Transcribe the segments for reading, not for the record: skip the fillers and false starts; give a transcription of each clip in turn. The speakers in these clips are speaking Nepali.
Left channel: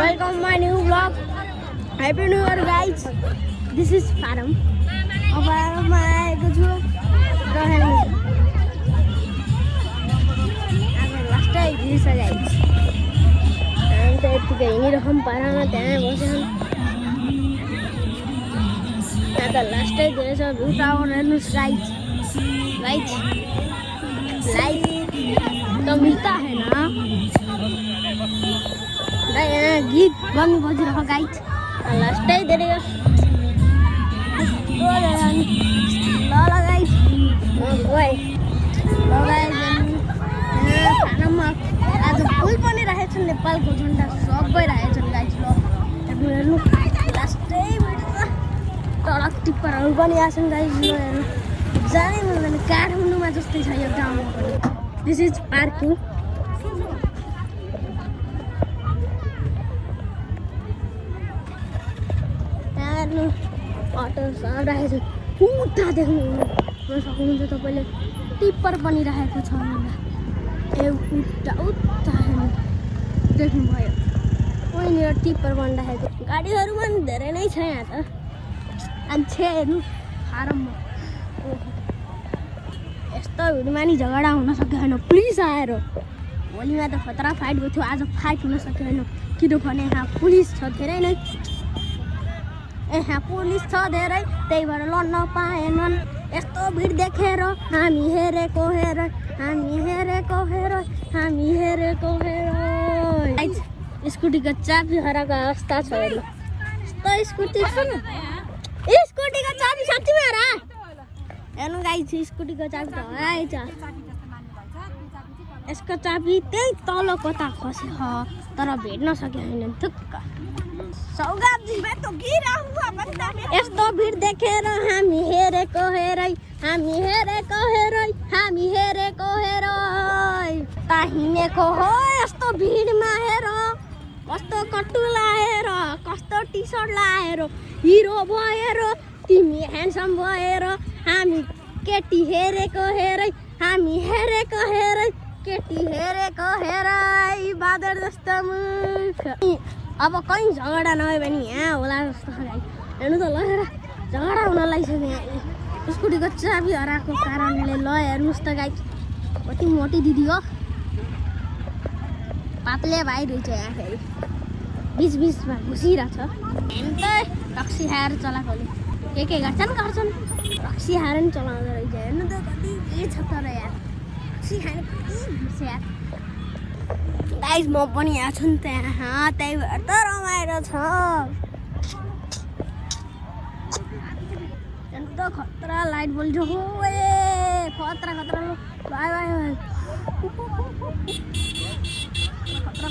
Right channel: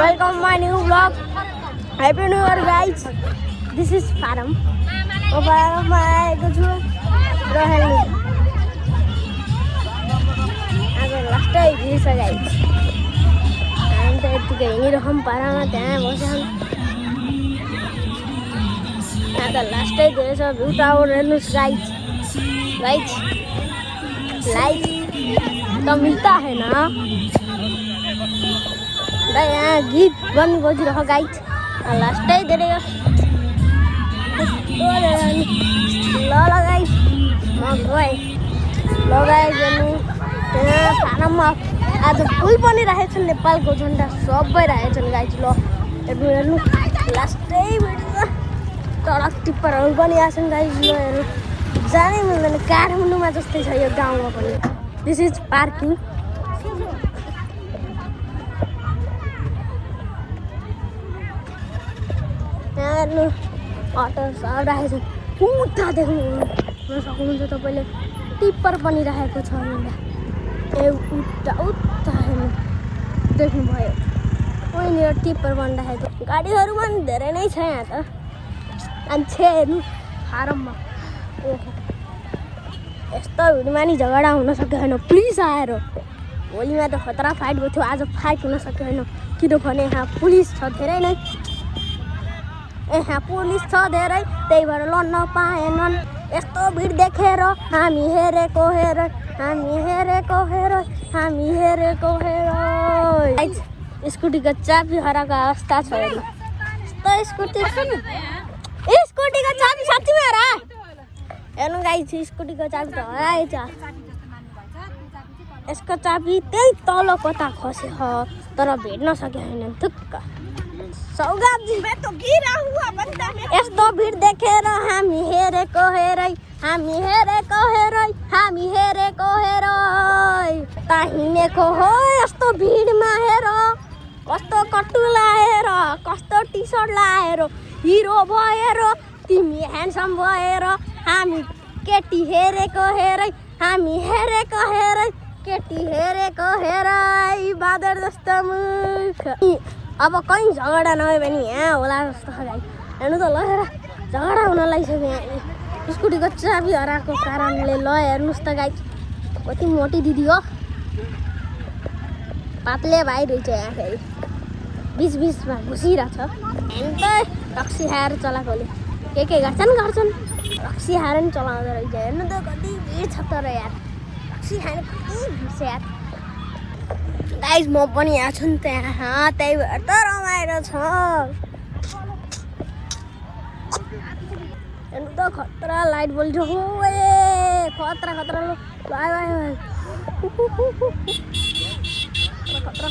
Welcome to my new vlog. Happy New Year, guys. This is Faram. Last time this guys. I'm going to हम पारा में जाए वो से last time जैसा view tower है guys तो मिलता है ना यहाँ गीत बंद बजी रहा गाइस लास्ट टाइम दे देगा ल गाइस ल गाइस खानामा आज फुल पनि राखेको छन् नेपालको झन्डा सबै राखेको छन् गाइस ल हेर्नु लास्ट टाइम टरक टिप्परहरू पनि आछन् गाइस ल हेर्नु जानै मिल्दैन काठमाडौँमा जस्तै छ यो गाउँमा पनि दिस इज पार्किङ अटो सब राखेको छ उता देख्नु सक्नुहुन्छ तपाईँले टिप्पर पनि राखेको छ उता उता हेर्नु देख्नुभयो पहिलो टिप्पर पनि राखेको गाडीहरू पनि धेरै नै छ यहाँ त मान्छेहरू फारममा ओहो यस्तो भिडमा नि झगडा हुन सक्यो होइन पुलिस आएर भोलिमा त खतरा फाइट भएको थियो आज फाइट हुन सक्यो होइन किनभने यहाँ पुलिस छ धेरै नै यहाँ पुलिस छ धेरै त्यही भएर लड्न पाएनन् यस्तो भिड देखेर हामी हेरेको स्कुटीको चाबी हराएको अवस्था छ स्कुटीको चाबी साँच्चीमै हरा हेर्नु गाइस स्कुटीको चाबी त हराएछ यसको चाबी त्यही तल कता खस्यो तर भेट्न सकेन थुक्क सौगातजी यस्तो भिड देखेर हामी हेरेको ता हिँडेको हो यस्तो भिडमा हेर कस्तो कट्टु लाएर कस्तो टी सर्ट लाएर हिरो भएर तिमी ह्यान्डसम भएर हामी केटी हेरेको हेरै बादर जस्तो मुख अब कहीँ झगडा नभयो भने यहाँ होला जस्तो हेर्नु त ल झगडा हुन लागिसक्यो यहाँ स्कुटीको चाबी हराएको कारणले ल हेर्नुहोस् त गाइस कति मोटी दिदी हो पातले भाइ रहेछ यहाँ फेरि बिचमा घुसिरहेछ अन्त रक्सी खाएर चलाएकोले के गर्छन् रक्सी खाएर नि चलाउँदो रहेछ हेर्नु त कति भिड छ तर यार रक्सी खाने कति भिड छ यार गाइस म पनि यहाँ छु नि त्यहाँ त्यही भएर त रमाइलो छ हेर्नु त खतरा लाइट बल्छ हो ए खतरा लो भाइ खतरा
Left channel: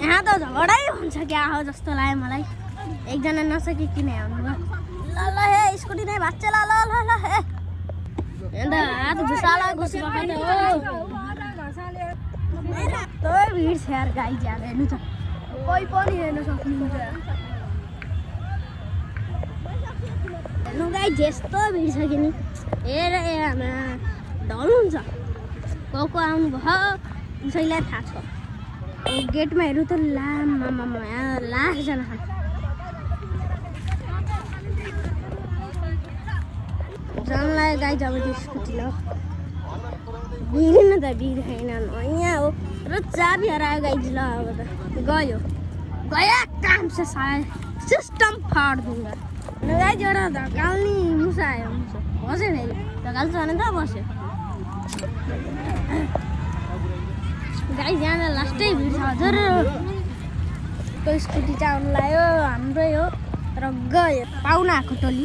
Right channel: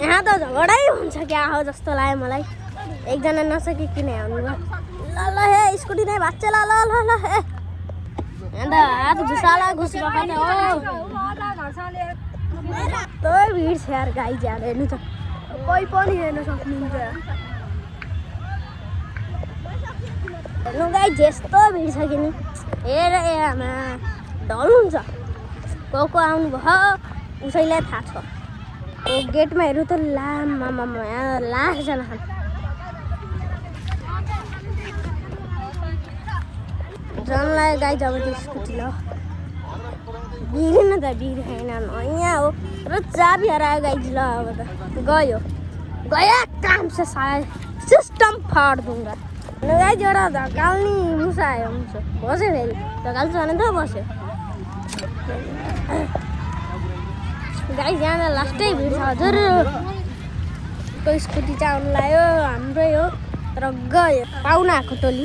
यहाँ त झगडै हुन्छ क्या हो जस्तो लाग्यो मलाई एकजना नसके किन आउनु ल हे स्कुटी नै भाग्छ ल हे अन्त हात घुसाला घुसिरहेको त हो भिड छ यार गाई ज्यादा हेर्नु त कोही पनि हेर्न सक्नुहुन्छ हेर्नु गाई जस्तो भिड छ कि नि हेर आमा ढल हुन्छ को आउनुभयो उसैलाई थाहा छ गेटमा हेर्नु त लामा लाखजना छन् जनलाई गाई जब स्कुटी ल बिग्रिन त बिग्रेन यहाँ हो र चाबी हरायो गाई ल अब त गयो काम से सारा सिस्टम फाड़ दूंगा गाई एउटा धकाल्ने मुसा आयो बस्यो फेरि धकाल्छ भने त बस्यो गाई यहाँ लास्टै भिड छ हजुर स्कुटी चाहिँ आउनु लाग्यो हाम्रै हो तर गयो पाहुना आएको टोली